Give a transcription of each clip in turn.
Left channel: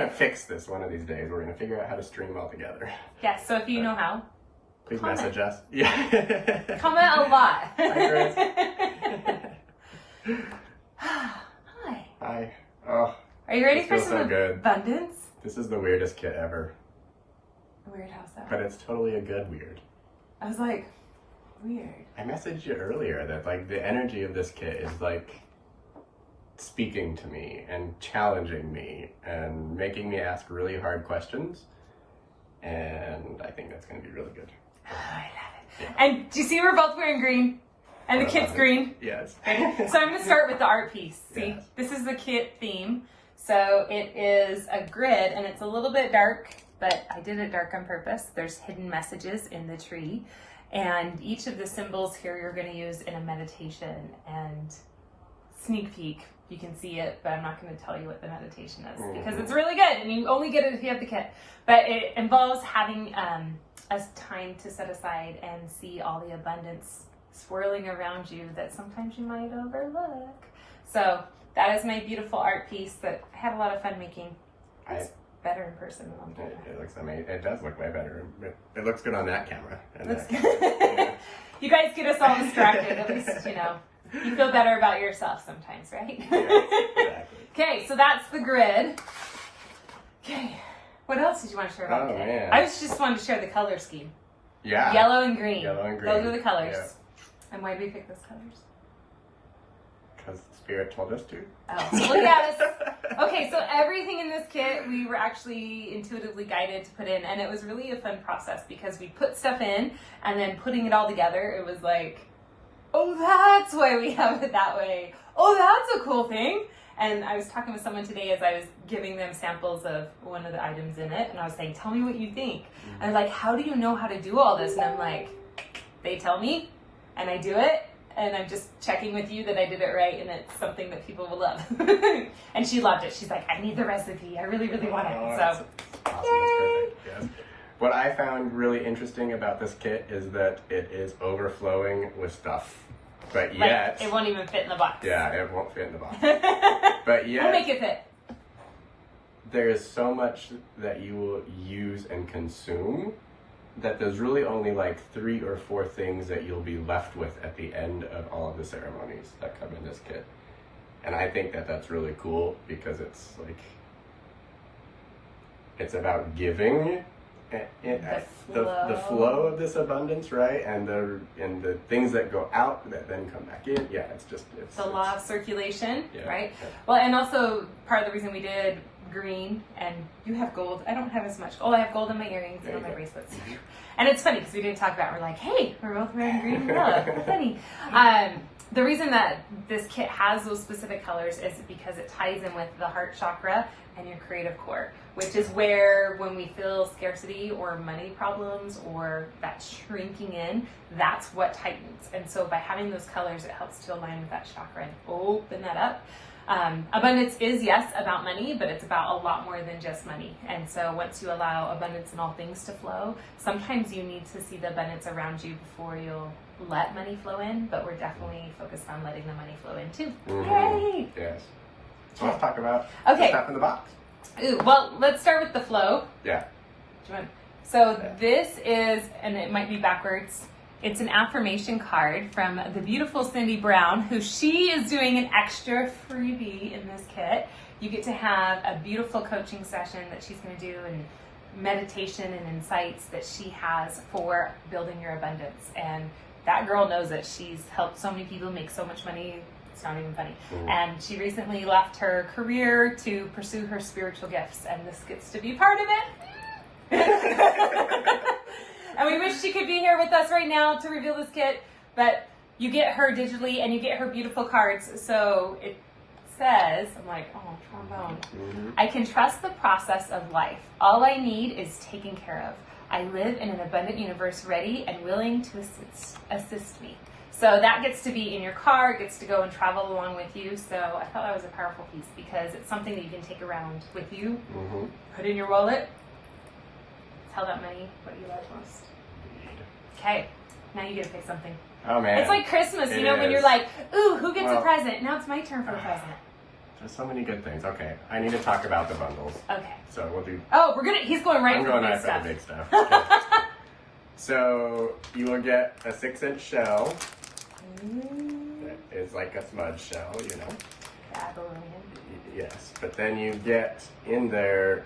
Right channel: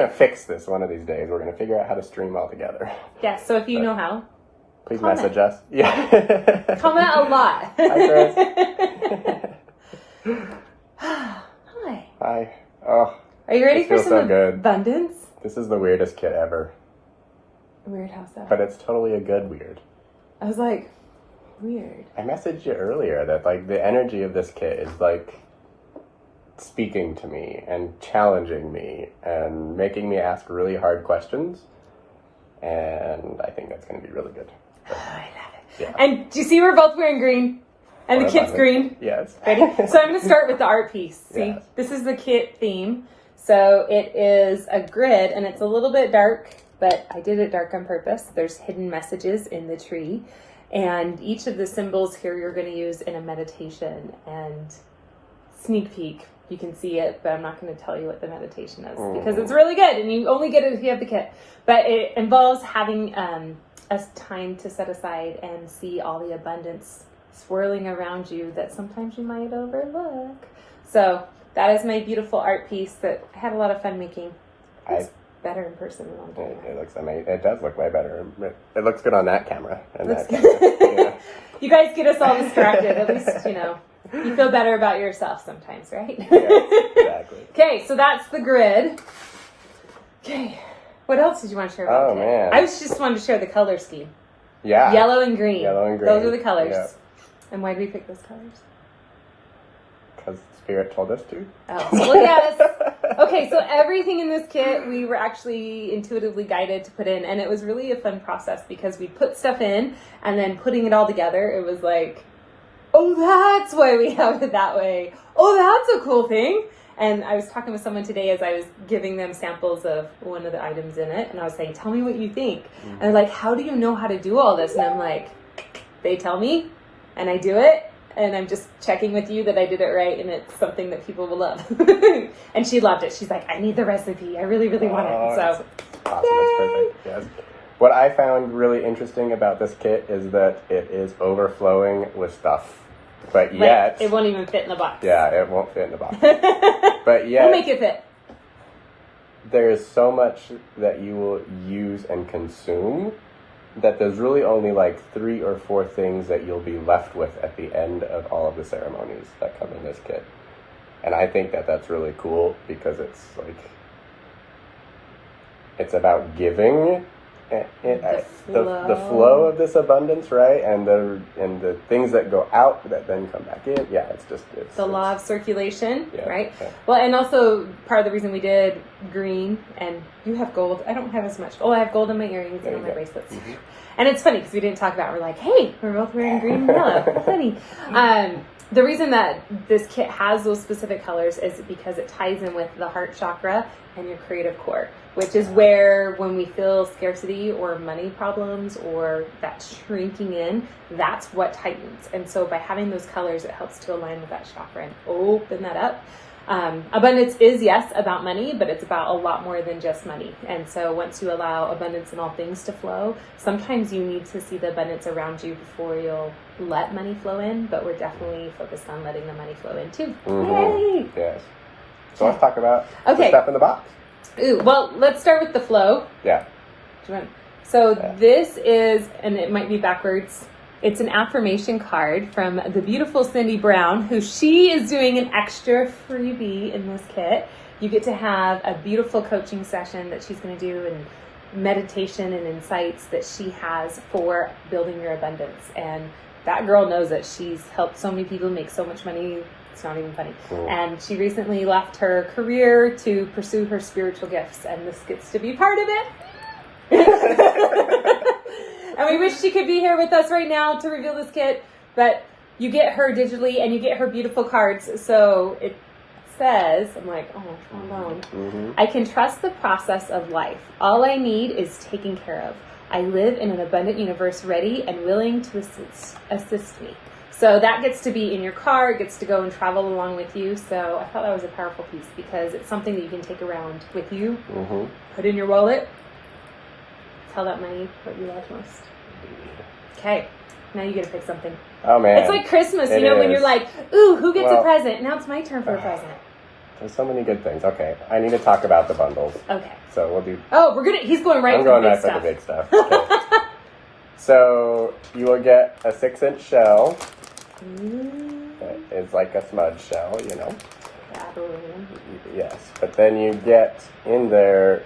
going to fix this one of these days. We're going to figure out how to stream all together. Yes, so if you know how, please comment. message us. Yeah. Comment a lot. Hi, Chris. Hi. Hi. Oh. Are you ready for feels some so good. abundance? This is the weirdest kit ever. Weird house that. But it's totally a good weird. I was like, weird. I messaged you earlier that like the energy of this kit is like speaking to me and challenging me and making me ask really hard questions. And I think that's going to be really good. Oh, I love it. Yeah. And do you see we're both wearing green? And the kit's green? Yes. Ready? So I'm going to start with the art piece. See, Yes. This is the kit theme. So it is a grid and it's a little bit dark, but I did it dark on purpose. There's hidden messages in the tree. And each of the symbols here you're going to use in a meditation. And sneak peek, you can see it, but I'm not going to tell you what the meditation is because it's really good and you only get it if you have the kit. But it involves having a time to set aside and see all the abundance swirling around you that sometimes you might overlook. So that is my beautiful art piece that I had a lot of fun making. It's better in person than on camera. It looks amazing. It does look way better. It looks good on that camera. Yeah. You guys get us all distracted. At least, you feel better about yourself sometimes, right? Yes, exactly. Okay, so that's the grid. Okay, what else did you want to share about the kit? Man. I just wanted to share the color scheme. Yeah. Yellow and green. Yellow and green. Those are the colors. Yeah. And why did we pick those colors? Because Spirit told us to. Oh, well, yes. Okay, so everything in this kit we were actually intuitively guided to put in, and it was really a fun process because we put stuff in, and then putting it all together, it was like, oh, that's why we have it that way. Oh, that's a cool thing. And I was talking with someone today as I was giving them samples of one of the items in it, and I was saying, tell me what you think. And they're like, how do you know how to do all this? And I'm like, they tell me, and I do it. And I'm just checking with you that I did it right and it's something that people will love. And she loved it. She's like, I need the recipe. I really, really want it. So, awesome. That's perfect. Yes. What I found really interesting about this kit is that it is overflowing with stuff. But yet... it won't even fit in the box. Yeah, it won't fit in the box. But yet... We'll make it fit. There is so much that you will use and consume that there's really only like 3 or 4 things that you'll be left with at the end of all of the ceremonies that come in this kit. And I think that that's really cool because it's like, it's about giving the flow of this abundance, right? And the things that go out that then come back in. Yeah, it's the law of circulation, yeah, right? Yeah. Well, and also part of the reason we did green, and you have gold. I don't have as much. Oh, I have gold in my earrings and on my bracelets. Mm-hmm. And it's funny because we didn't talk about it. We're like, hey, we're both wearing green and yellow. Funny. The reason that this kit has those specific colors is because it ties in with the heart chakra and your creative core, which is where when we feel scarcity or money problems or that shrinking in, that's what tightens. And so by having those colors, it helps to align with that chakra and open that up. Abundance is, yes, about money, but it's about a lot more than just money. And so once you allow abundance in all things to flow, sometimes you need to see the abundance around you before you'll let money flow in, but we're definitely focused on letting the money flow in too. Mm-hmm. Yay! Yes. So let's talk about the stuff in the box. Ooh, well, let's start with the flow. Yeah. This is, and it might be backwards, it's an affirmation card from the beautiful Cindy Brown, who she is doing an extra freebie in this kit. You get to have a beautiful coaching session that she's going to do and meditation and insights that she has for building your abundance. And that girl knows it. She's helped so many people make so much money. It's not even funny. Cool. And she recently left her career to pursue her spiritual gifts, and this gets to be part of it. And we wish she could be here with us right now to reveal this kit, but you get her digitally and you get her beautiful cards. So it says, I'm like, oh, calm down. Mm-hmm. I can trust the process of life. All I need is taken care of. I live in an abundant universe ready and willing to assist me. So that gets to be in your car, it gets to go and travel along with you. So I thought that was a powerful piece because it's something that you can take around with you, put in your wallet, tell that money what you love most. Okay, now you get to pick something. Oh man. It's like Christmas, when you're like, ooh, who gets a present? Now it's my turn for a present. There's so many good things. Okay, I need to talk about the bundles. Okay. So we'll do... Oh, he's going right for the big stuff. I'm going right for the big stuff. Okay. So you will get a 6-inch shell. It's like a smudge shell, you know. Yes, but then you get in there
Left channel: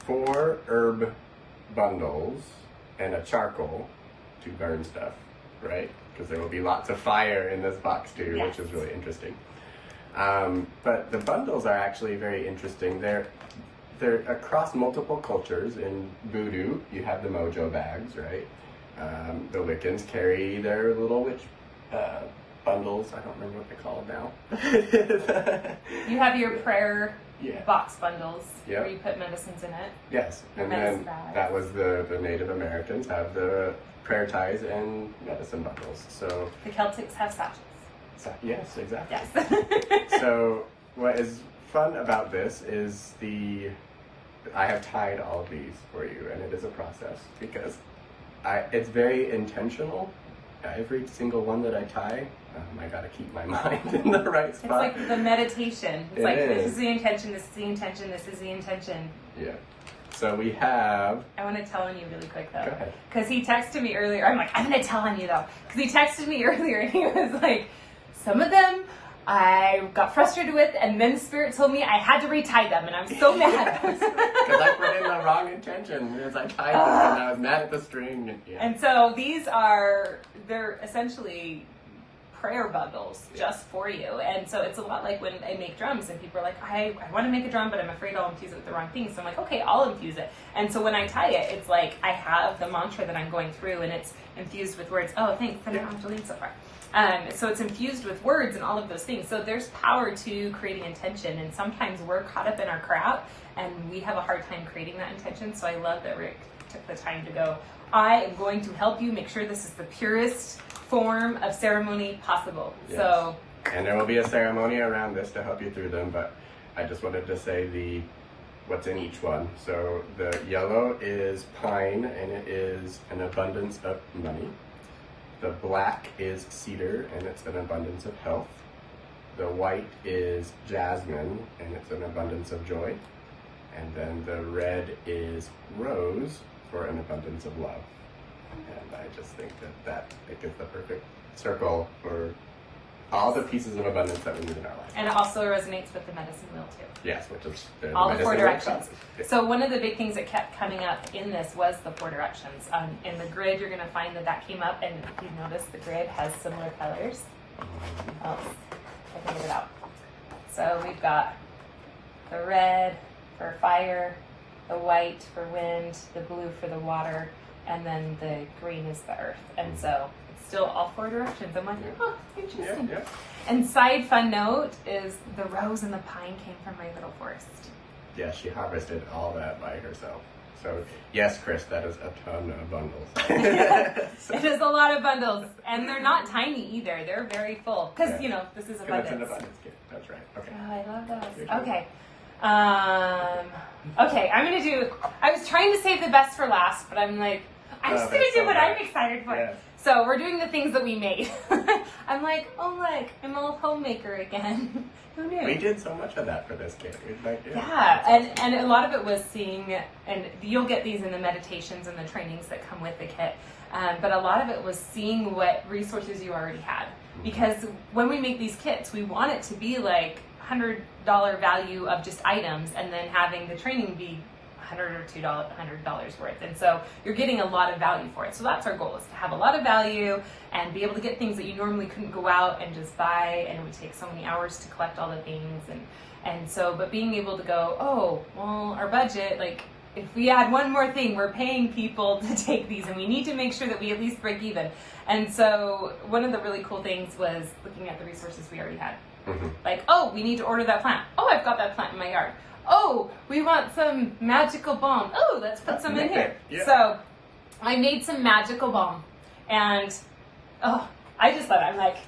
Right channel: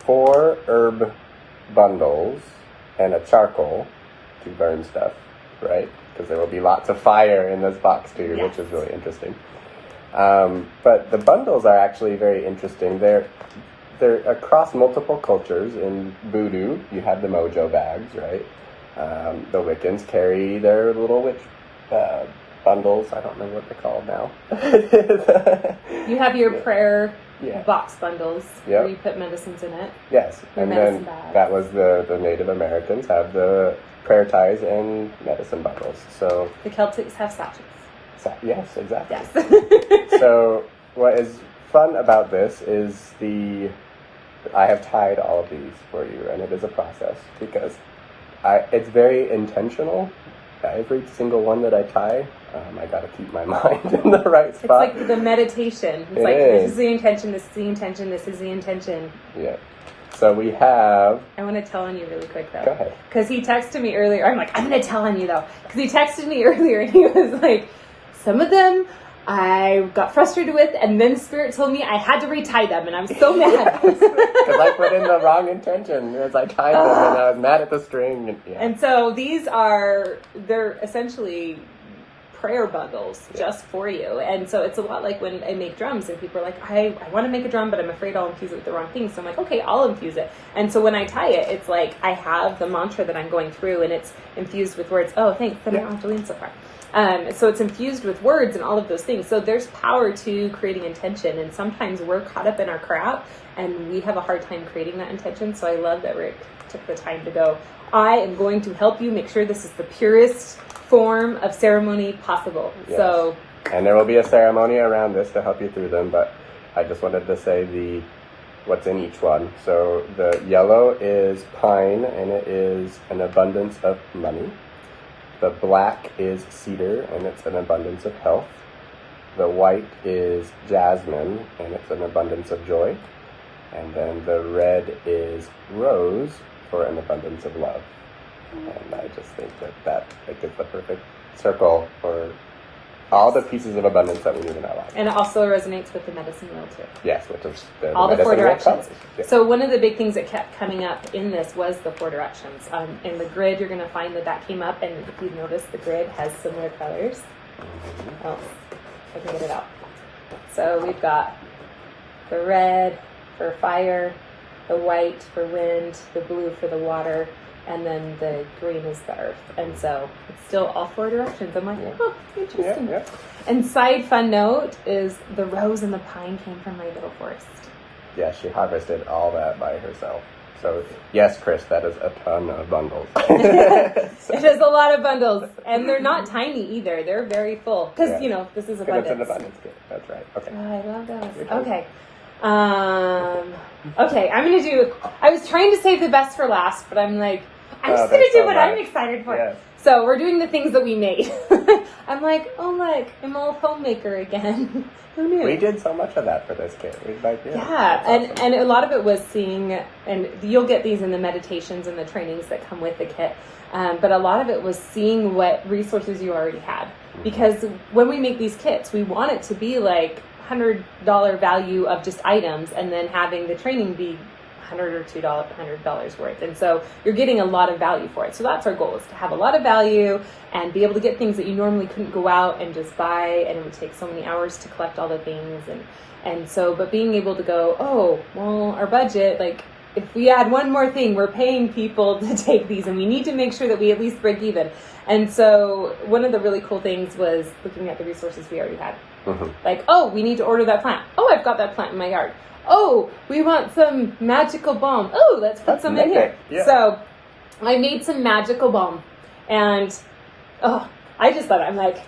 4 herb bundles and a charcoal to burn stuff, right? Because there will be lots of fire in this box too, which is really interesting. But the bundles are actually very interesting. They're across multiple cultures. In Voodoo, you have the mojo bags, right? The Wiccans carry their little witch bundles. I don't remember what they're called now. You have your prayer box bundles where you put medicines in it. Yes, and then that was the Native Americans have the prayer ties and medicine bundles. So the Celtics have sachets. Yes, exactly. Yes. So what is fun about this is I have tied all of these for you, and it is a process because it's very intentional. Every single one that I tie, I got to keep my mind in the right spot. It's like the meditation. It's this is the intention, this is the intention, this is the intention. Yeah. So we have... I want to tell on you really quick, though. Go ahead. Because he texted me earlier. I'm like, I'm going to tell on you, though. Because he texted me earlier, and he was like, some of them I got frustrated with, and then Spirit told me I had to retie them, and I'm so mad. Because I put in the wrong intention as I tied them, and I was mad at the string. And so they're essentially prayer bundles just for you. And so it's a lot like when I make drums and people are like, I want to make a drum, but I'm afraid I'll infuse it with the wrong thing. So I'm like, okay, I'll infuse it. And so when I tie it, it's like I have the mantra that I'm going through and it's infused with words. Oh, thanks. I don't have to lean so far. So it's infused with words and all of those things. So there's power to creating intention. And sometimes we're caught up in our crap and we have a hard time creating that intention. So I love that Rick took the time to go, I am going to help you make sure this is the purest form of ceremony possible. Yes. So, and there will be a ceremony around this to help you through them, but I just wanted to say what's in each one. So the yellow is pine, and it is an abundance of money. The black is cedar, and it's an abundance of health. The white is jasmine, and it's an abundance of joy. And then the red is rose for an abundance of love. And I just think that it gives the perfect circle for all the pieces of abundance that we need in our life. And it also resonates with the medicine wheel too. Yes, which is all the 4 directions. Yeah. So one of the big things that kept coming up in this was the 4 directions. In the grid, you're going to find that came up, and if you notice, the grid has similar colors. Mm-hmm. Oh, I can get it out. So we've got the red for fire, the white for wind, the blue for the water, and then the green is the earth. And so it's still all 4 directions. I'm like, interesting. Yeah. And side fun note is the rose and the pine came from my little forest. Yeah, she harvested all that by herself. So, yes, Chris, that is a ton of bundles. It is a lot of bundles. And they're not tiny either. They're very full. Because, this is abundance. It's an abundance kit. That's right. Okay. Oh, I love those. Okay. Okay, I was trying to save the best for last, but I'm like, I'm just going to do what I'm excited for. Yes. So we're doing the things that we made. I'm like, oh look, I'm a homemaker again. Who knew? We did so much of that for this kit. And a lot of it was seeing, and you'll get these in the meditations and the trainings that come with the kit. But a lot of it was seeing what resources you already had. Because when we make these kits, we want it to be like $100 value of just items, and then having the training be $100 or $100 worth. And so you're getting a lot of value for it. So that's our goal, is to have a lot of value and be able to get things that you normally couldn't go out and just buy, and it would take so many hours to collect all the things. And so, but being able to go, oh, well, our budget, like if we add one more thing, we're paying people to take these, and we need to make sure that we at least break even. And so one of the really cool things was looking at the resources we already had. Mm-hmm. Like, oh, we need to order that plant. Oh, I've got that plant in my yard. Oh, we want some magical balm. Oh, let's put some in here. Yeah. So I made some magical balm, and I just thought, I'm like,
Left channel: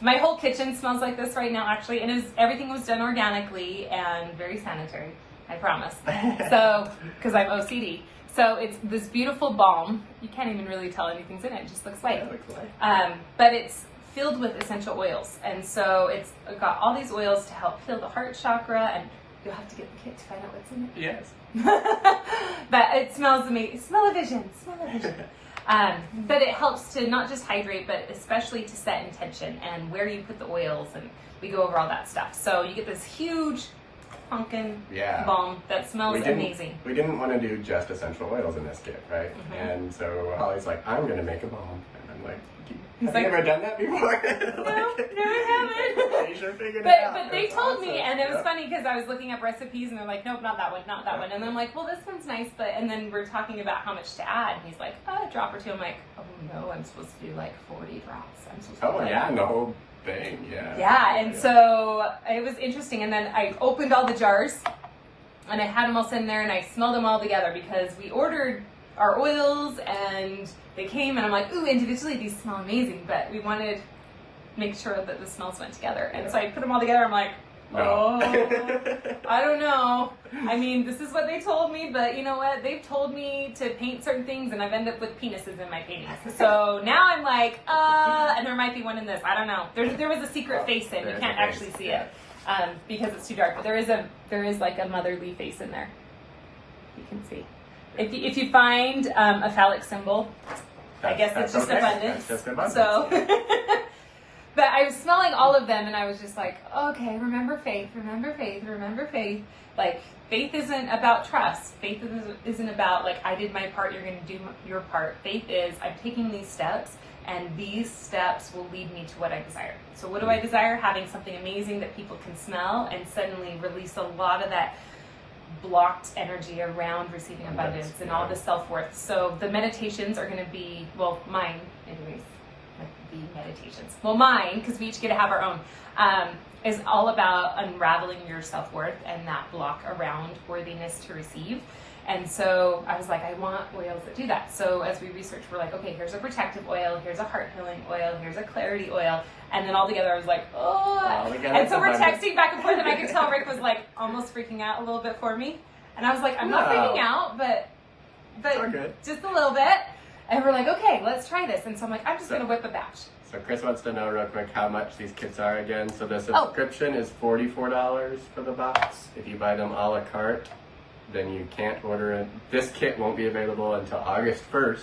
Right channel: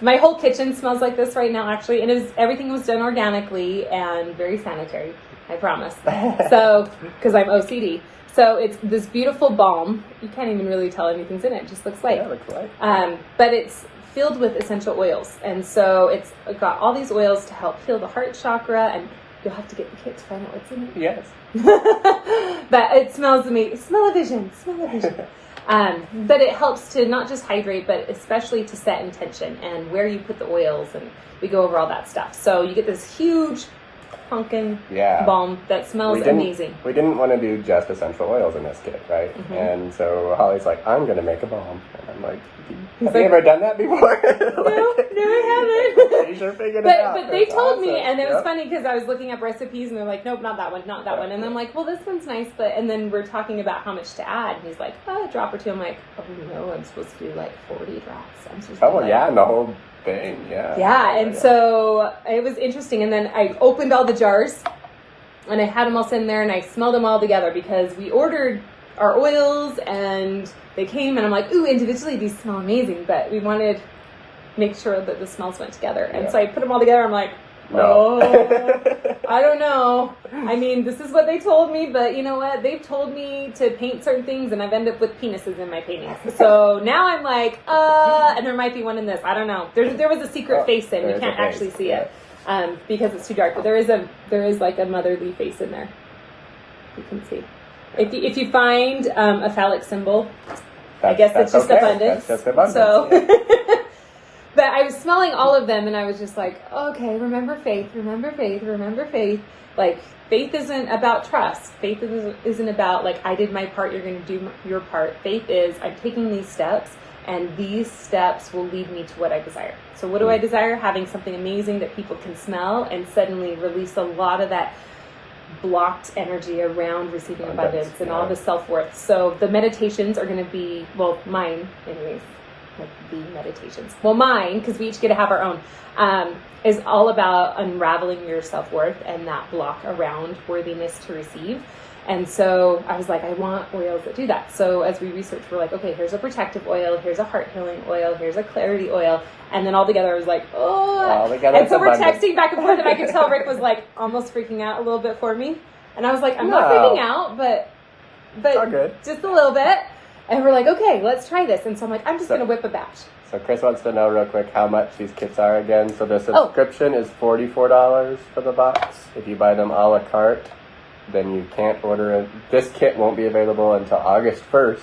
my whole kitchen smells like this right now, actually. And everything was done organically and very sanitary, I promise. So, because I'm OCD. So it's this beautiful balm. You can't even really tell anything's in it. It just looks white. Yeah, it looks white. But it's filled with essential oils. And so it's got all these oils to help heal the heart chakra, and you'll have to get the kit to find out what's in it. Yes. But it smells amazing. Smell-o-vision. But it helps to not just hydrate, but especially to set intention and where you put the oils, and we go over all that stuff. So you get this huge honkin' balm that smells amazing. We didn't want to do just essential oils in this kit, right? Mm-hmm. And so Hollie's like, I'm going to make a balm. And I'm like, have you ever done that before? No, I haven't. You should figure it out. But they told me, and it was funny because I was looking up recipes, and they're like, nope, not that one. And I'm like, well, this one's nice, and then we're talking about how much to add, and he's like, a drop or two. I'm like, oh no, I'm supposed to do like 40 drops. I'm supposed to do and the whole thing, so it was interesting, and then I opened all the jars, and I had them all sitting there, and I smelled them all together because we ordered our oils, and they came, and I'm like, ooh, individually these smell amazing, but we wanted to make sure that the smells went together. And so I put them all together. I'm like, I don't know. I mean, this is what they told me, but you know what? They've told me to paint certain things, and I've ended up with penises in my paintings. So now I'm like, and there might be one in this. I don't know. There was a secret face in. You can't actually see it because it's too dark. But there is like a motherly face in there. You can see. If you find a phallic symbol, I guess it's just abundance. That's just abundance. So, but I was smelling all of them, and I was just like, okay, remember faith. Like, faith isn't about trust. Faith isn't about, like, I did my part, you're going to do your part. Faith is, I'm taking these steps, and these steps will lead me to what I desire. So what do I desire? Having something amazing that people can smell and suddenly release a lot of that blocked energy around receiving abundance and all the self-worth. So the meditations are going to be, well, mine anyways, like the meditations. Well, mine, because we each get to have our own, is all about unraveling your self-worth and that block around worthiness to receive. And so I was like, I want oils that do that. So as we researched, we're like, okay, here's a protective oil, here's a heart healing oil, here's a clarity oil. And then all together I was like, oh. And so we're texting back and forth, and I could tell Rick was like almost freaking out a little bit for me. And I was like, I'm not freaking out, but just a little bit. And we're like, okay, let's try this. And so I'm like, I'm just going to whip a batch. So Chris wants to know real quick how much these kits are again. So the subscription is $44 for the box. If you buy them a la carte, then you can't order it. This kit won't be available until August 1st,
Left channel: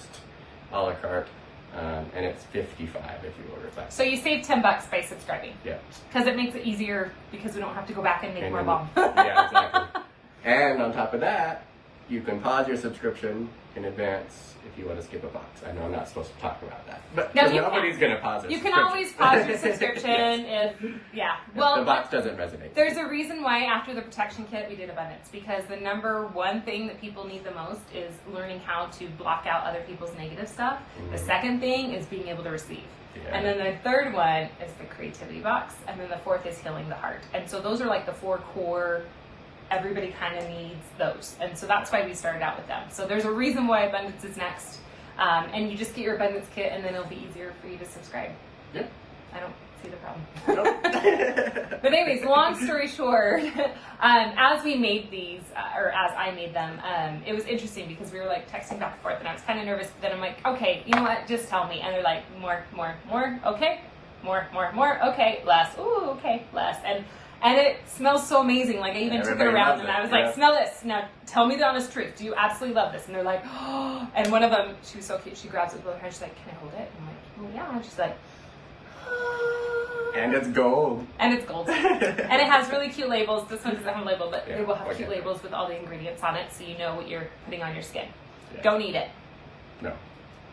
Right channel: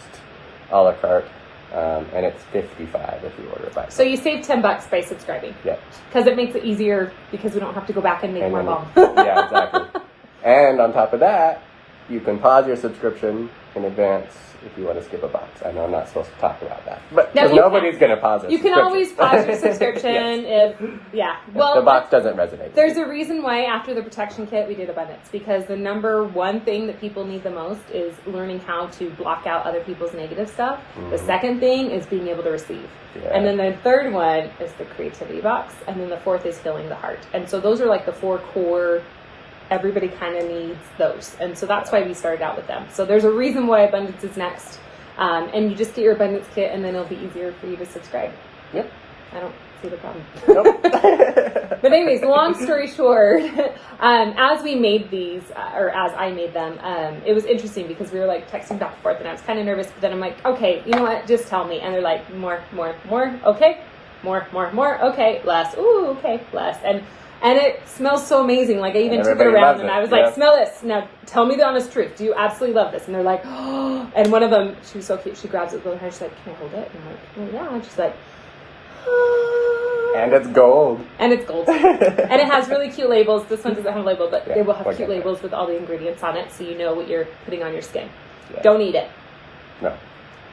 a la carte. And it's $55 if you order it by. So you save $10 by subscribing. Yep. Because it makes it easier because we don't have to go back and make more balm. Yeah, exactly. And on top of that, you can pause your subscription in advance if you want to skip a box. I know I'm not supposed to talk about that, but nobody's going to pause it. You can always pause your subscription if the box doesn't resonate. There's a reason why after the protection kit we did abundance, because the number one thing that people need the most is learning how to block out other people's negative stuff. Mm-hmm. The second thing is being able to receive. Yeah. And then the third one is the creativity box. And then the fourth is healing the heart. And so those are like the four core. Everybody kind of needs those. And so that's why we started out with them. So there's a reason why abundance is next. And you just get your abundance kit, and then it'll be easier for you to subscribe. Yep. I don't see the problem. Nope. But anyways, long story short, as we made these, or as I made them, it was interesting because we were like texting back and forth, and I was kind of nervous, but then I'm like, okay, you know what? Just tell me. And they're like, more, okay. More, okay, less. Ooh, okay, less. And it smells so amazing. Like, I even took it around, and I was like, smell this. Now, tell me the honest truth. Do you absolutely love this? And they're like, oh. And one of them, she was so cute. She grabs it with her hand. She's like, can I hold it? And I'm like, well, yeah. And she's like, oh. And it's gold. And it has really cute labels. This one doesn't have a label, but they will have cute labels with all the ingredients on it, so you know what you're putting on your skin. Yeah. Don't eat it. No.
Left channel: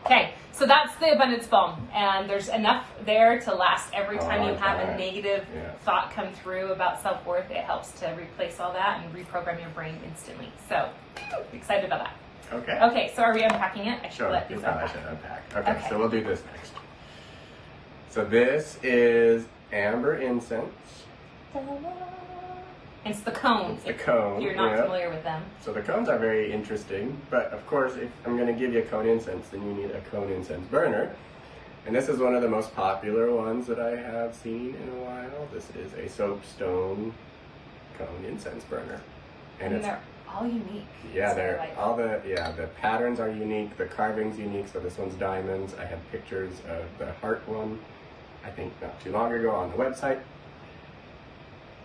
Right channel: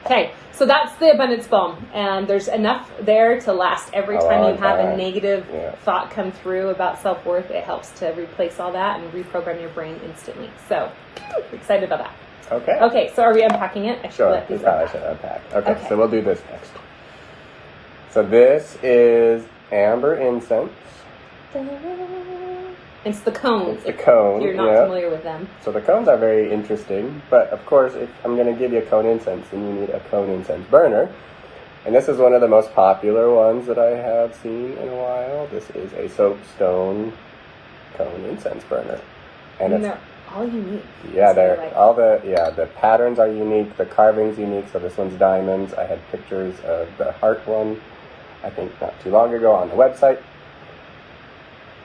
Okay, so that's the abundance balm, and there's enough there to last every time you have a negative thought come through about self-worth. It helps to replace all that and reprogram your brain instantly. So, excited about that. Okay, so are we unpacking it? I should let these unpack. I should unpack. Okay, so we'll do this next. So this is amber incense. It's the cones. It's the cone. If you're not familiar with them. So the cones are very interesting, but of course, if I'm going to give you a cone incense, then you need a cone incense burner. And this is one of the most popular ones that I have seen in a while. This is a Soapstone cone incense burner. And they're all unique. Yeah, the patterns are unique, the carving's unique. So this one's diamonds. I had pictures of the heart one. I think not too long ago on the website.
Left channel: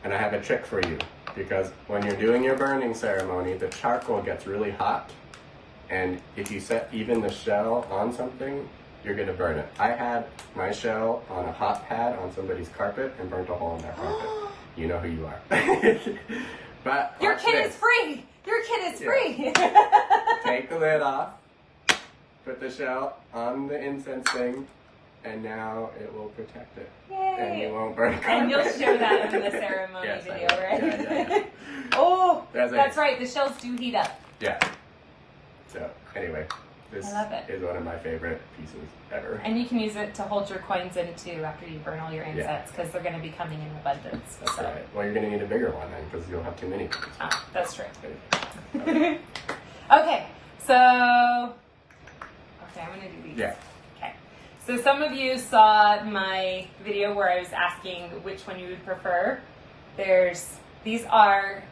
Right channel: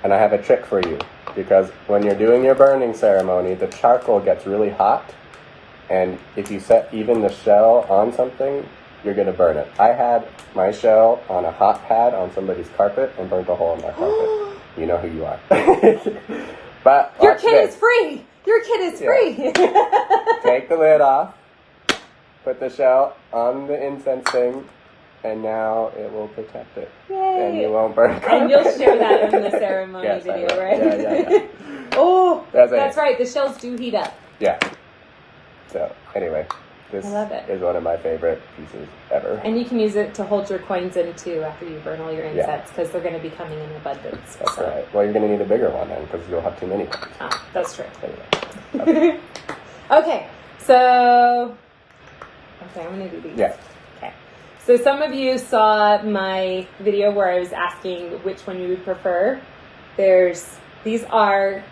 And I have a trick for you, because when you're doing your burning ceremony, the charcoal gets really hot, and if you set even the shell on something, you're going to burn it. I had my shell on a hot pad on somebody's carpet and burnt a hole in my carpet. You know who you are. But your kid is free. Your kid is free. Take the lid off, put the shell on the incense thing, and now it will protect it. Yay. And you won't burn carpet. And you'll share that in the ceremony Yes, video, I will. right? Yeah. Oh, That's right. The shells do heat up. Yeah. So, anyway, this I love it. is one of my favorite pieces ever. And you can use it to hold your coins in, too, after you burn all your incense, because they're going to be coming in abundance. That's right. Well, you're going to need a bigger one then, because you'll have too many. Oh, that's true. Anyway. Okay, so... Okay, I'm going to do these. Yeah. Okay. So some of you saw my video where I was asking which one you would prefer. These are...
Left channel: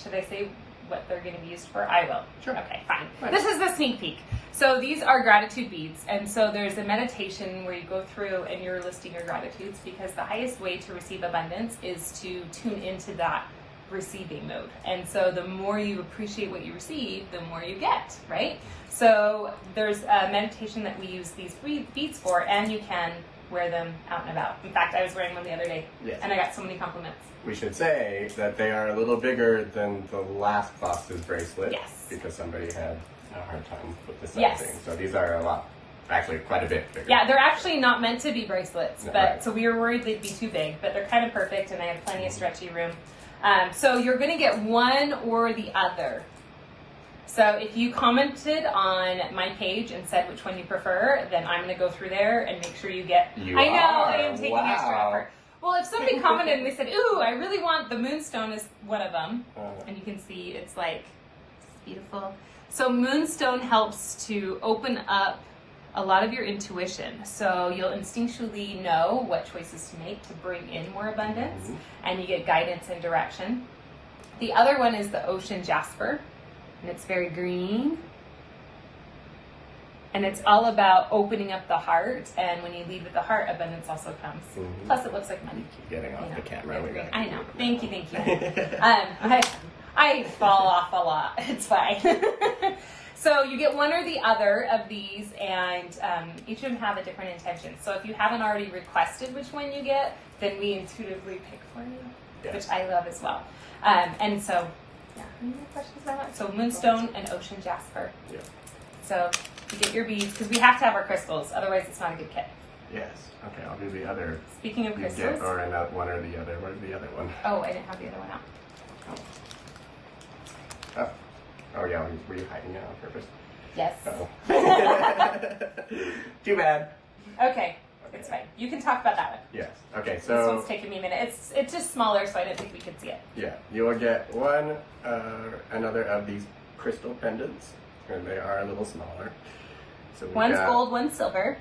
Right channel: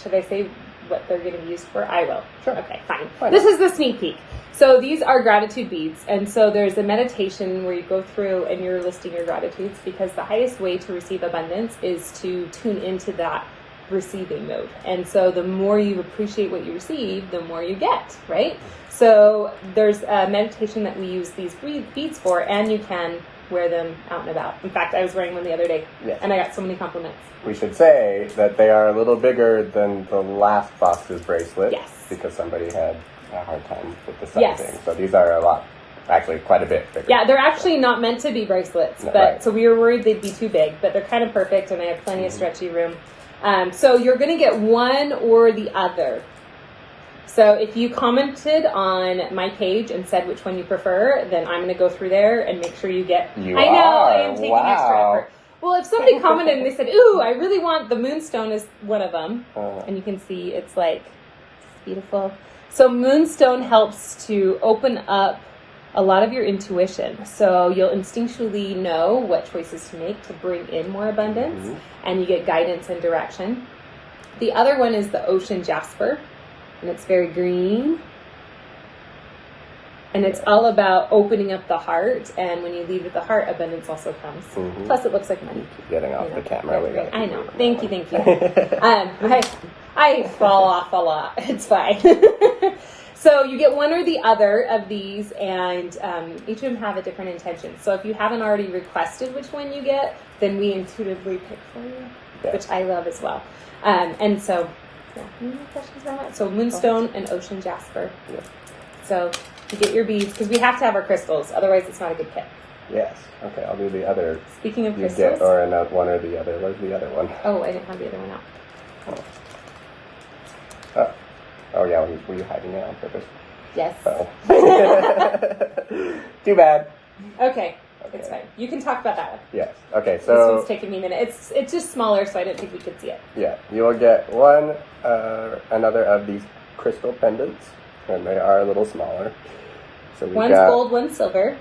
Should I say what they're going to be used for? I will. Sure. Okay, fine. Why not? This is the sneak peek. So these are gratitude beads. And so there's a meditation where you go through and you're listing your gratitudes, because the highest way to receive abundance is to tune into that receiving mode. And so the more you appreciate what you receive, the more you get, right? So there's a meditation that we use these beads for, and you can wear them out and about. In fact, I was wearing one the other day, and I got so many compliments. We should say that they are a little bigger than the last box's bracelet. Yes. Because somebody had a hard time with the Yes. sizing. So these are a lot, actually quite a bit bigger. Yeah, they're actually not meant to be bracelets, but Right. so we were worried they'd be too big, but they're kind of perfect, and I have plenty of stretchy room. So you're going to get one or the other. So if you commented on my page and said which one you prefer, then I'm going to go through there and make sure you get... I know, I am taking extra effort. Well, if somebody commented and they said, ooh, I really want the Moonstone is one of them. And you can see it's like, it's beautiful. So Moonstone helps to open up a lot of your intuition. So you'll instinctually know what choices to make to bring in more abundance, and you get guidance and direction. The other one is the Ocean Jasper, and it's very green. And it's all about opening up the heart, and when you lead with the heart, abundance also comes. Plus, it looks like money. Keep getting off the camera. I know. Thank you. I fall off a lot. It's fine. So you get one or the other of these, and each of them have a different intention. So if you haven't already requested which one you get, then we intuitively pick for you, which I love as well. And so, any more questions about that? So Moonstone and Ocean Jasper. Yeah. So you get your beads, because we have to have our crystals, otherwise it's not a good kit. Yes. Okay, I'll do the other. Speaking of you crystals. get or not one or the other. Where's the other one? Oh, I didn't have the other one out. Oh yeah, were you hiding it on purpose? Yes. Oh. Too bad. Okay, it's fine. You can talk about that one. Yes. Okay, This so one's taking me a minute. It's just smaller, so I didn't think we could see it. yeah, you will get another of these crystal pendants, and they are a little smaller. So One's gold, one's silver.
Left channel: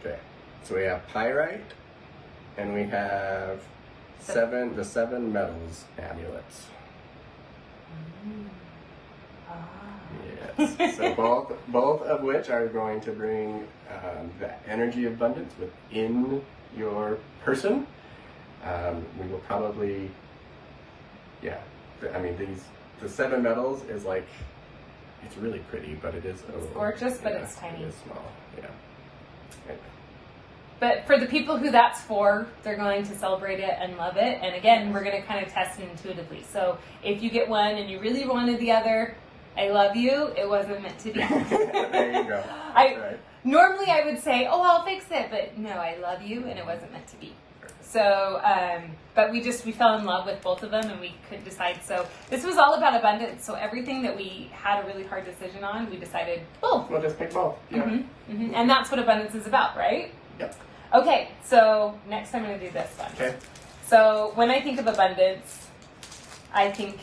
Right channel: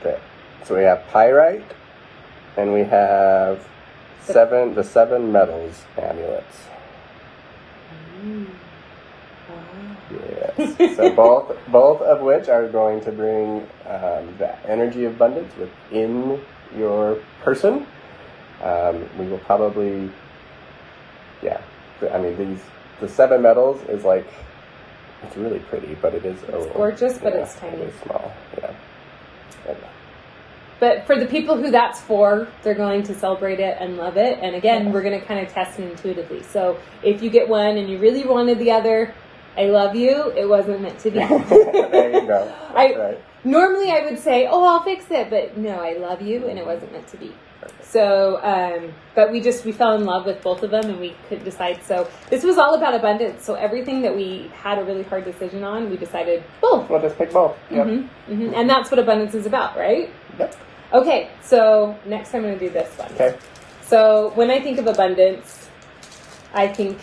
Okay, so we have pyrite, and we have the seven metals amulets. Yes. So both of which are going to bring the energy of abundance within your person. We will probably, I mean, the seven metals is like, it's really pretty, but it is It's gorgeous, but it's tiny. It is small, yeah. Anyway. But for the people who that's for, they're going to celebrate it and love it. And again, we're going to kind of test it intuitively. So if you get one and you really wanted the other, I love you. It wasn't meant to be. There you go. That's right. Normally I would say, oh, I'll fix it. But no, I love you, and it wasn't meant to be. Perfect. So, but we fell in love with both of them, and we couldn't decide. So this was all about abundance. So everything that we had a really hard decision on, we decided, both. We'll just pick both. Yep. And that's what abundance is about, right? Yep. Okay, so next I'm going to do this one. Okay. So when I think of abundance, I think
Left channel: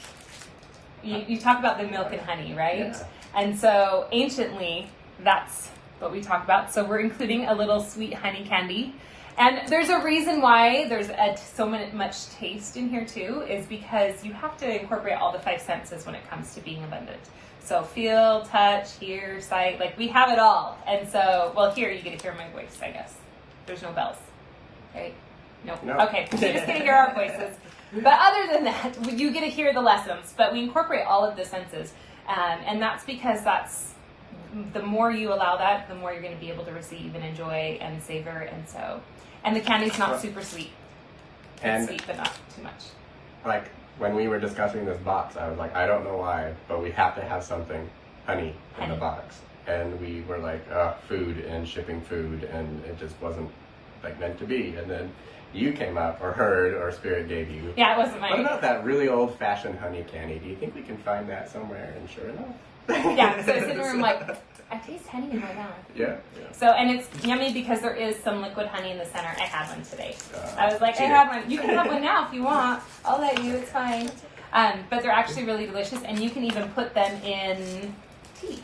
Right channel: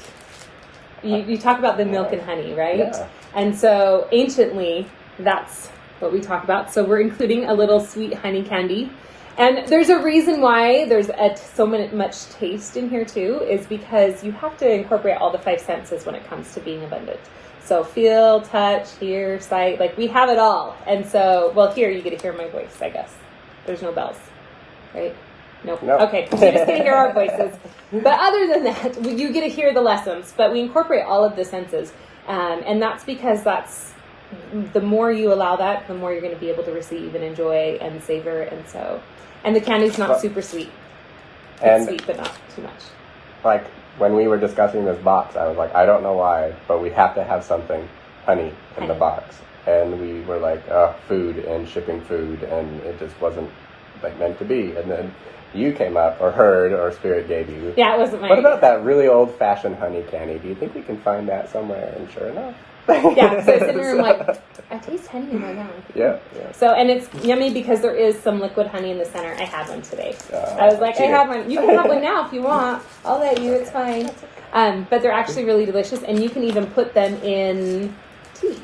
you talk about the milk and honey, right? Yeah. And so anciently, that's what we talk about. So we're including a little sweet honey candy. And there's a reason why there's so much taste in here too, is because you have to incorporate all the five senses when it comes to being abundant. So feel, touch, hear, sight, like we have it all. And so, well, here you get to hear my voice, I guess. There's no bells. right? Nope. Nope. Okay, so you just get to hear our voices. But other than that, you get to hear the lessons. But we incorporate all of the senses. And that's because the more you allow that, the more you're going to be able to receive and enjoy and savor. And the candy's not super sweet. It's sweet, but not too much. Like, when we were discussing this box, I was like, I don't know why, but we have to have something honey in the box. And we were like, food and shipping food, and it just wasn't like meant to be. And then you came up, or heard, or Spirit gave you. Yeah, it wasn't my What idea. about that really old-fashioned honey candy? Do you think we can find that somewhere? And sure enough. Yeah, so I sit in the room like, I taste honey in my mouth. Yeah. So, and it's yummy because there is some liquid honey in the center. I had one today. I was like, I have one. You can have one now if you want. I'll let you. It's fine. But they're actually really delicious, and you can even put them in tea.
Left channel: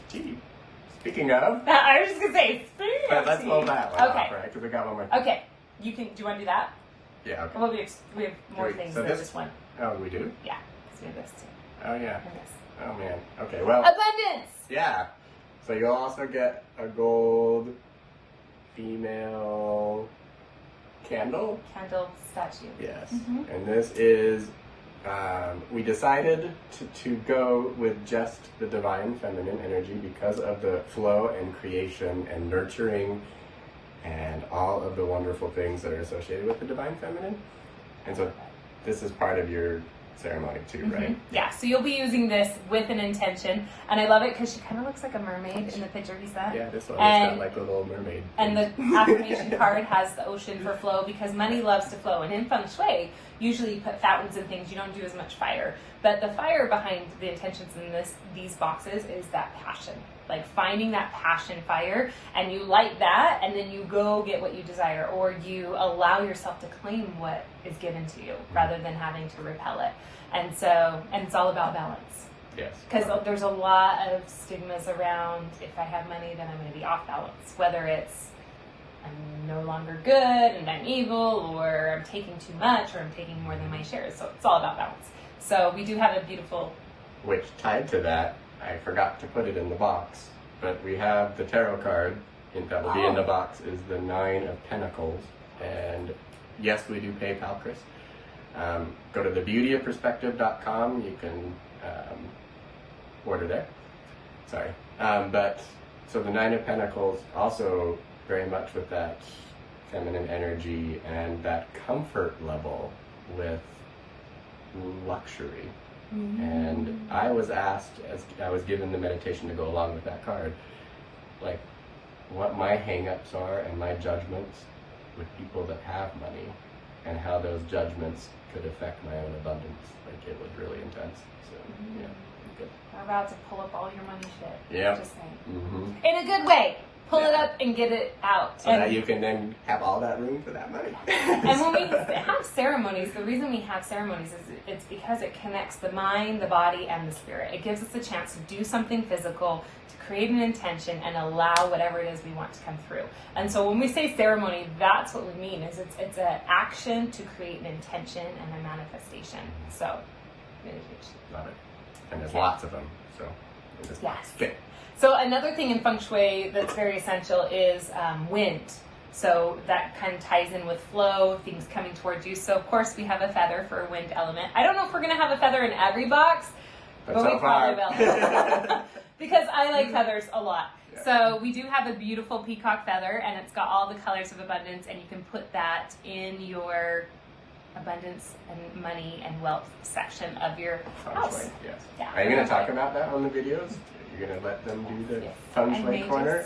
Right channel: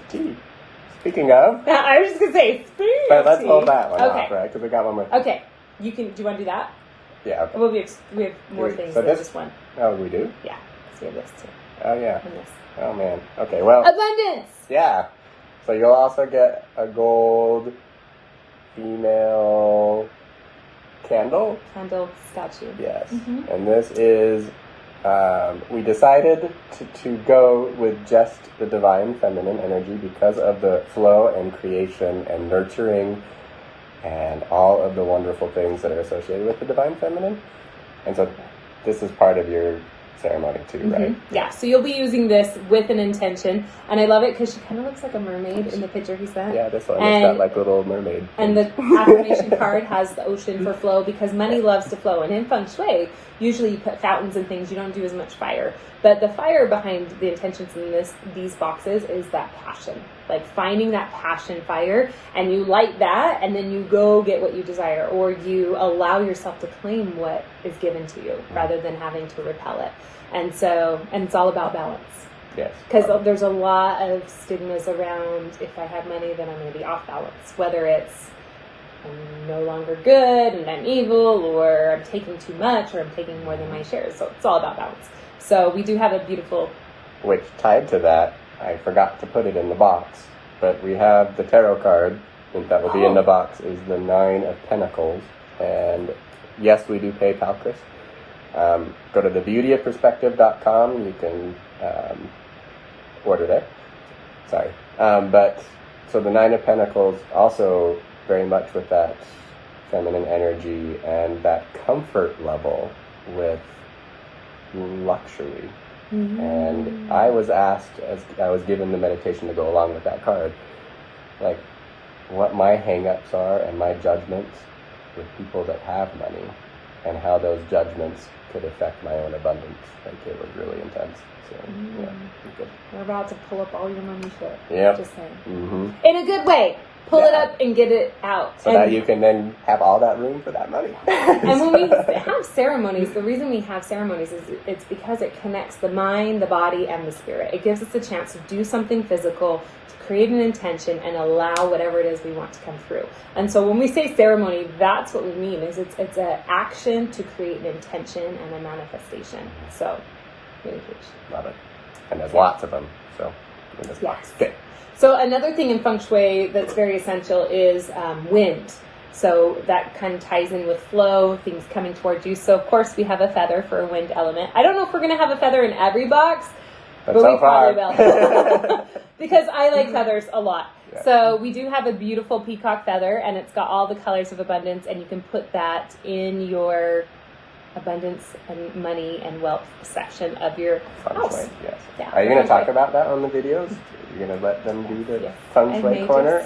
Speaking of. I was just going to say, But let's hold that one Okay. off, right? Because we got one more. Okay. Do you want to do that? Yeah, okay. Well, we have more things than just one. Oh, we do? Yeah. So we have this too. Oh, yeah. And this. Oh, man. Okay, well. Abundance! Yeah. So you'll also get a gold female candle. Candle statue. Yes. Mm-hmm. And this is, we decided to go with just the divine feminine energy because of the flow and creation and nurturing and all of the wonderful things that are associated with the divine feminine. And so this is part of your ceremony too, right? Yeah, so you'll be using this with an intention, and I love it because she kind of looks like a mermaid in the picture he sent. Yeah, this one has got like little mermaid. And the affirmation card has the ocean for flow because money loves to flow. And in feng shui, usually you put fountains and things, you don't do as much fire. But the fire behind the intentions in these boxes is that passion. Like finding that passion fire, and you light that, and then you go get what you desire, or you allow yourself to claim what is given to you rather than having to repel it. And it's all about balance. Yes. Because there's a lot of stigmas around, if I have money, then I'm going to be off balance. Whether it's I'm no longer good and I'm evil, or I'm taking too much, or I'm taking more than my shares. So it's all about balance. So we do have a beautiful... Which, tied to that, I forgot to put it in the box, but we have the tarot card that will be in the box is the 9 of Pentacles. And yes, we do pay Palchris. Go to thebeautyofperspective.com. You can order there. Sorry. But so the 9 of Pentacles also very much with that feminine energy and that comfort level with luxury. And I was asked, as I was given the meditation to go along with that card, like what my hang-ups are and my judgments with people that have money and how those judgments could affect my own abundance. Like it was really intense. So yeah, good. We're about to pull up all your money shit. Yeah. Just saying. In a good way. Pull it up and get it out. So that you can then have all that room for that money. And when we have ceremonies, the reason we have ceremonies is it's because it connects the mind, the body, and the spirit. It gives us a chance to do something physical, to create an intention, and allow whatever it is we want to come through. And so when we say ceremony, that's what we mean, is it's an action to create an intention and a manifestation. So, really huge. Love it. And there's lots of them. So, in this box. Okay. So another thing in feng shui that's very essential is wind. So that kind of ties in with flow, things coming towards you. So of course we have a feather for a wind element. I don't know if we're going to have a feather in every box, but so we probably will. Because I like feathers a lot. Yeah. So we do have a beautiful peacock feather, and it's got all the colors of abundance, and you can put that in your abundance and money and wealth section of your house. Yes. Yeah. Are you going to talk about that on the videos? You're going to let them do the feng shui corner?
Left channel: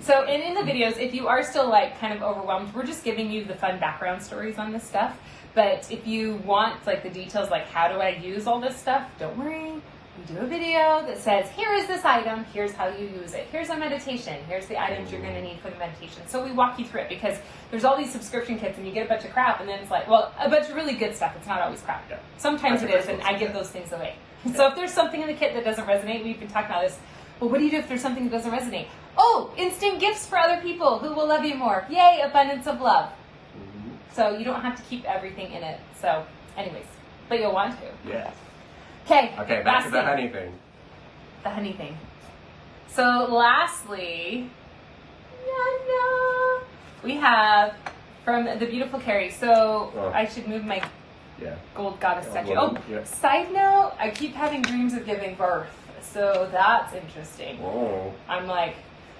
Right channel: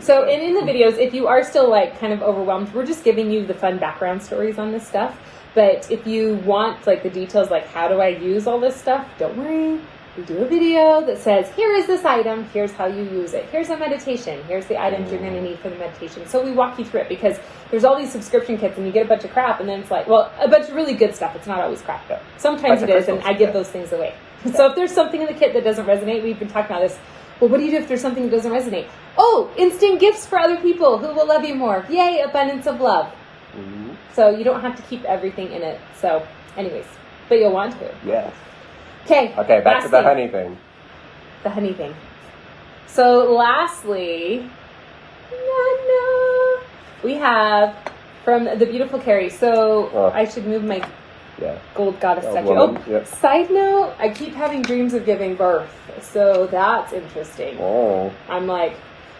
So, and in the videos, if you are still like kind of overwhelmed, we're just giving you the fun background stories on this stuff. But if you want like the details, like how do I use all this stuff, don't worry. We do a video that says, here is this item, here's how you use it. Here's a meditation, here's the items you're going to need for the meditation. So we walk you through it, because there's all these subscription kits and you get a bunch of crap, and then it's like, well, a bunch of really good stuff. It's not always crap. Yeah. Sometimes it is, and I give those things away. Yeah. So if there's something in the kit that doesn't resonate, we've been talking about this. Well, what do you do if there's something that doesn't resonate? Oh, instant gifts for other people who will love you more. Yay, abundance of love. Mm-hmm. So you don't have to keep everything in it. So anyways, but you'll want to. Yes. Okay, back to the honey thing. The honey thing. So lastly, we have from the beautiful Carrie. So I should move my gold goddess statue. Yep. Side note, I keep having dreams of giving birth. So that's interesting. Oh. I'm like,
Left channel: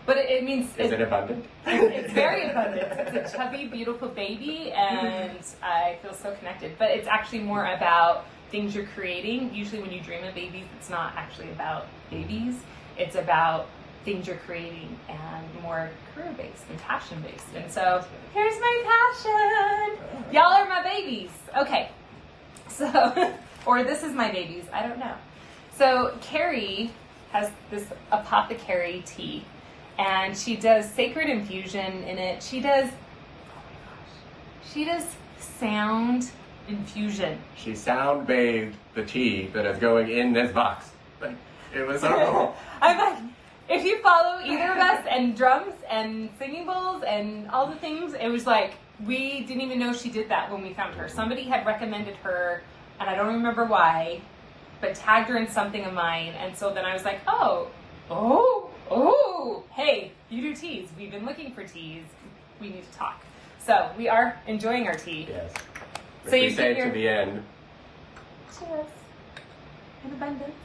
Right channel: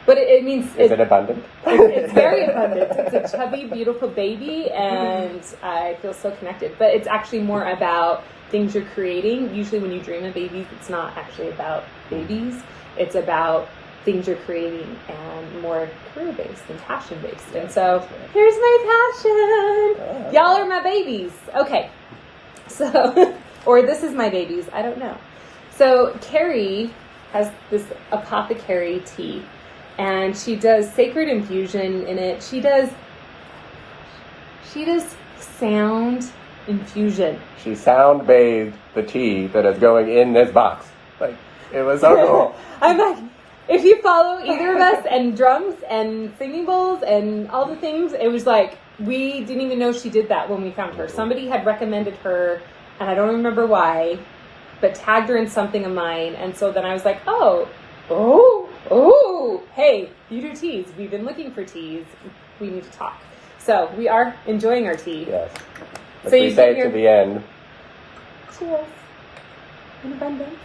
but it means... Is it abundant? It's very abundant. It's a chubby, beautiful baby, and I feel so connected. But it's actually more about things you're creating. Usually when you dream of babies, it's not actually about babies. It's about things you're creating and more career-based and passion-based. And so, here's my passion. Y'all are my babies. Okay. So, or this is my babies. I don't know. So, Carrie has this Apothecary Tea. And she does sacred infusion in it. She does sound infusion. She sound bathed the tea that is going in this box. Like, it was so cool. I'm like, if you follow either of us and drums and singing bowls and all the things, it was like, we didn't even know she did that when we found her. Somebody had recommended her, and I don't remember why, but tagged her in something of mine. And so then I was like, oh, hey, you do teas. We've been looking for teas. We need to talk. So we are enjoying our tea. Yes. But so we say to the end. Cheers. In abundance.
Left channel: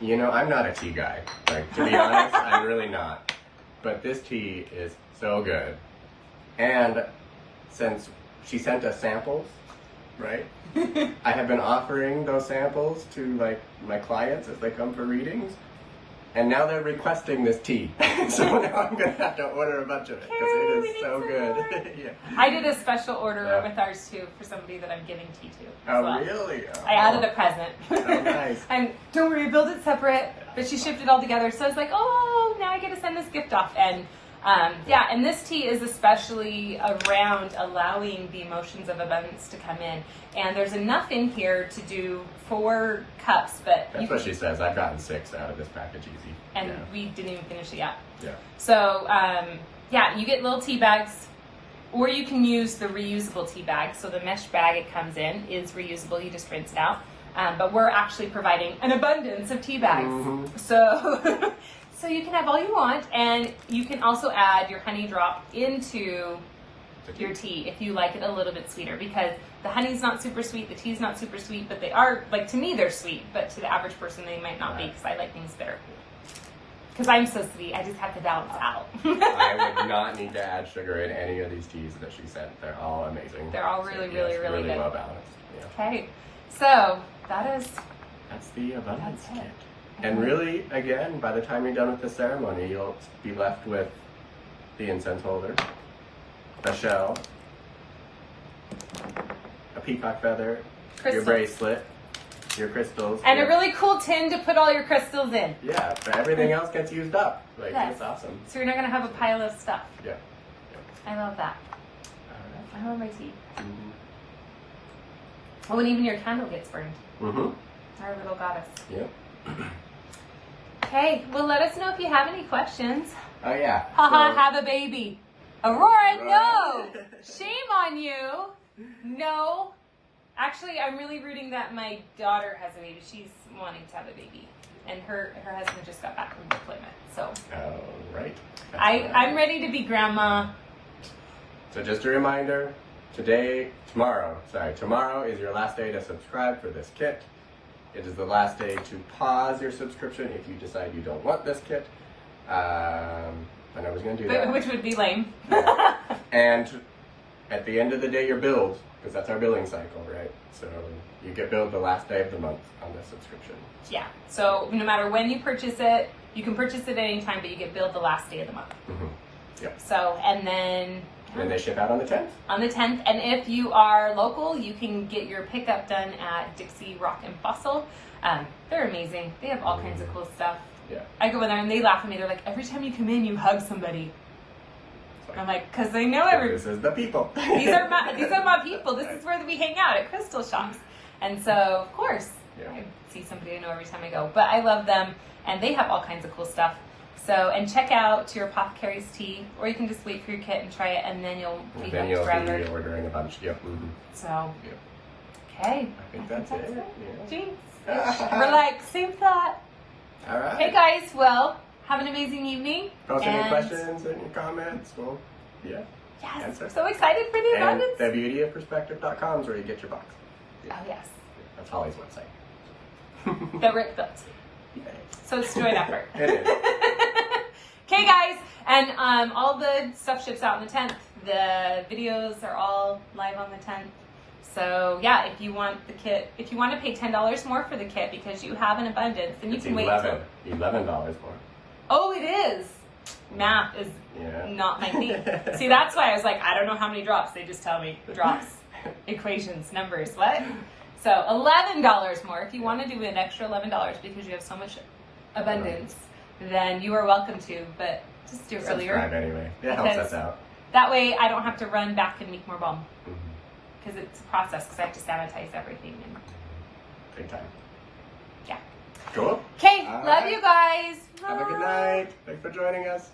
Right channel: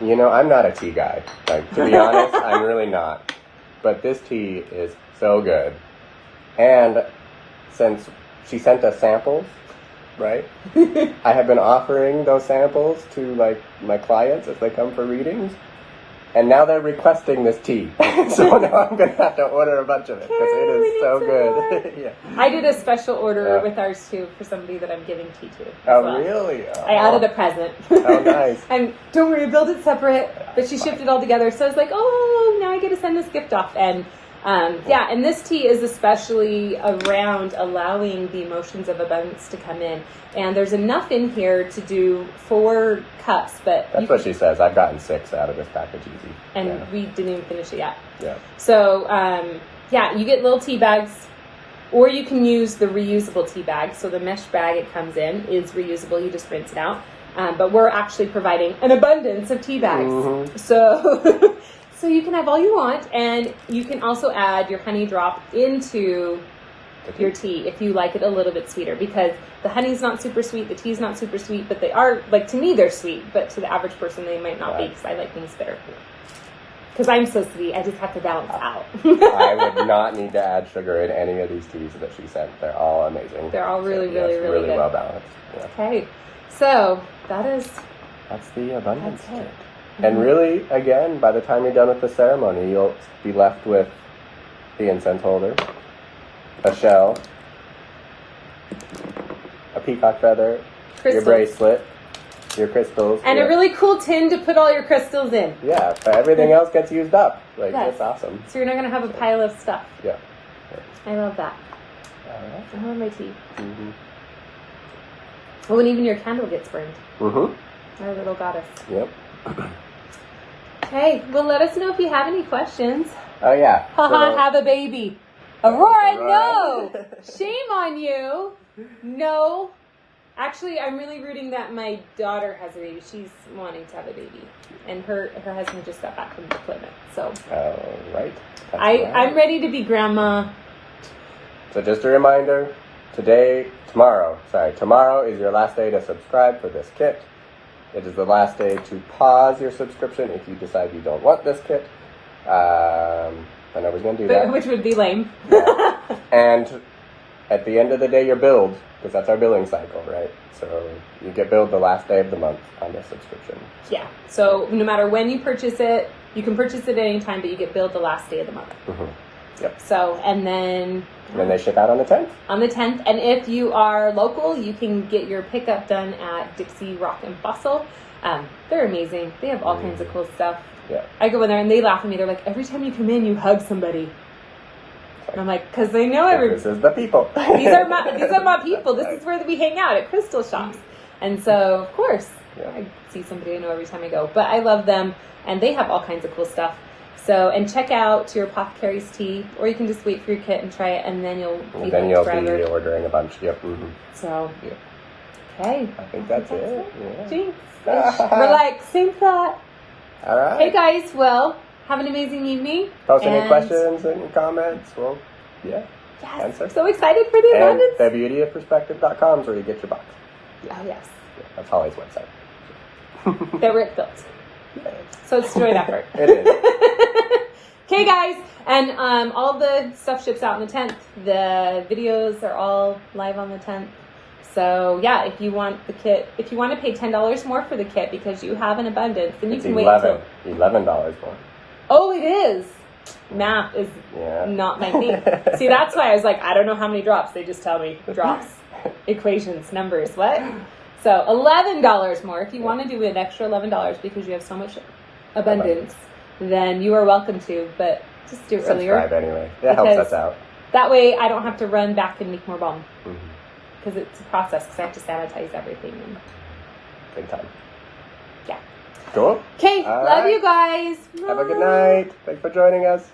You know, I'm not a tea guy. Like, to be honest, I'm really not. But this tea is so good. And since she sent us samples, right? I have been offering those samples to, like, my clients as they come for readings. And now they're requesting this tea. So now I'm going to have to order a bunch of it because it is so good. Yeah. I did a special order with ours too for somebody that I'm giving tea to. Oh, well. Really? I added a present. Oh, nice. And don't worry, build it separate. But she shipped it all together. So I was like, oh, now I get to send this gift off. And and this tea is especially around allowing the emotions of abundance to come in. And there's enough in here to do 4 cups, but... That's what she says. I've gotten 6 out of this package easy. And we didn't even finish it yet. Yeah. So, you get little tea bags, or you can use the reusable tea bag. So the mesh bag it comes in is reusable. You just rinse it out. But we're actually providing an abundance of tea bags. Mm-hmm. So... So you can have all you want, and you can also add your honey drop into your tea if you like it a little bit sweeter, because the honey's not super sweet, the tea's not super sweet, but they are, like, to me they're sweet, but to the average person they might not be, because I like things bitter. Because I'm so sweet, I just have to balance out. I would not need to add sugar in any of these teas that she sent. They're all amazing. They're all really good. Really well balanced. Yeah. Okay, so that's the abundance kit. And really, again, by the time you're done with the ceremony, you'll be left with the incense holder, a shell, a peacock feather, your bracelet, your crystals. And a really cool tin to put all your crystals in. Yeah, but everything else gets used up. Like, That's awesome. So you're not going to have a pile of stuff. Yeah. I love that. Right. I love my tea. Mm-hmm. Oh, and even your candle gets burned. Mm-hmm. Our little goddess. Yep. Okay, well, let us know if you have any questions. Oh, yeah. Haha, have a baby. Aurora, no! Shame on you. No. Actually, I'm really rooting that my daughter has a baby. She's wanting to have a baby. And her husband just got back from deployment, so. Oh, right. I'm ready to be grandma. So just a reminder, tomorrow is your last day to subscribe for this kit. It is the last day to pause your subscription if you decide you don't want this kit. I nobody's going to do that. Which would be lame. Yeah. And at the end of the day, you're billed, because that's our billing cycle, right? So you get billed the last day of the month on this subscription. Yeah. So no matter when you purchase it, you can purchase it at any time, but you get billed the last day of the month. Mm-hmm. Yep. So, and then they ship out on the 10th. On the 10th. And if you are local, you can get your pickup done at Dixie Rock and Fossil. They're amazing. They have all kinds of cool stuff. Yeah. I go in there and they laugh at me. They're like, every time you come in, you hug somebody. And I'm like, because they know This is the people. These are my people. This is where we hang out at crystal shops. And so, of course, I see somebody I know every time I go. But I love them, and they have all kinds of cool stuff. So, and check out your Apothecary's Tea, or you can just wait for your kit and try it, and then you'll be hooked forever. Be ordering a bunch. Yep. Mm-hmm. So, yep. Okay. I think that's it. Yeah. Jinx. We're like, same thought. All right. Hey guys, well, Have an amazing evening. Post any questions and comments. Well, yeah. Yes. Answer. So excited for the abundance. And thebeautyofperspective.com is where you get your box. Yeah. Oh, yes. Yeah, that's Hollie's website. That Rick built. Yeah. So it's joint effort. It is. Okay, guys. And all the stuff ships out on the 10th. The videos are all live on the 10th. So, yeah, if you want the kit, if you want to pay $10 more for the kit because you have an abundance, then you can wait until... $11 more. Oh, it is. Math is not my thing. See, that's why I was like, I don't know how many drops. They just tell me drops, equations, numbers, what? So $11 more. If you want to do an extra $11 because you have so much abundance, then you are welcome to, but just do it earlier. Subscribe anyway. That helps us out. That way I don't have to run back and make more balm. Because it's a process, because I have to sanitize everything. And Big time. Yeah. Cool. Okay, love you guys. Have a good night. Thanks for joining us.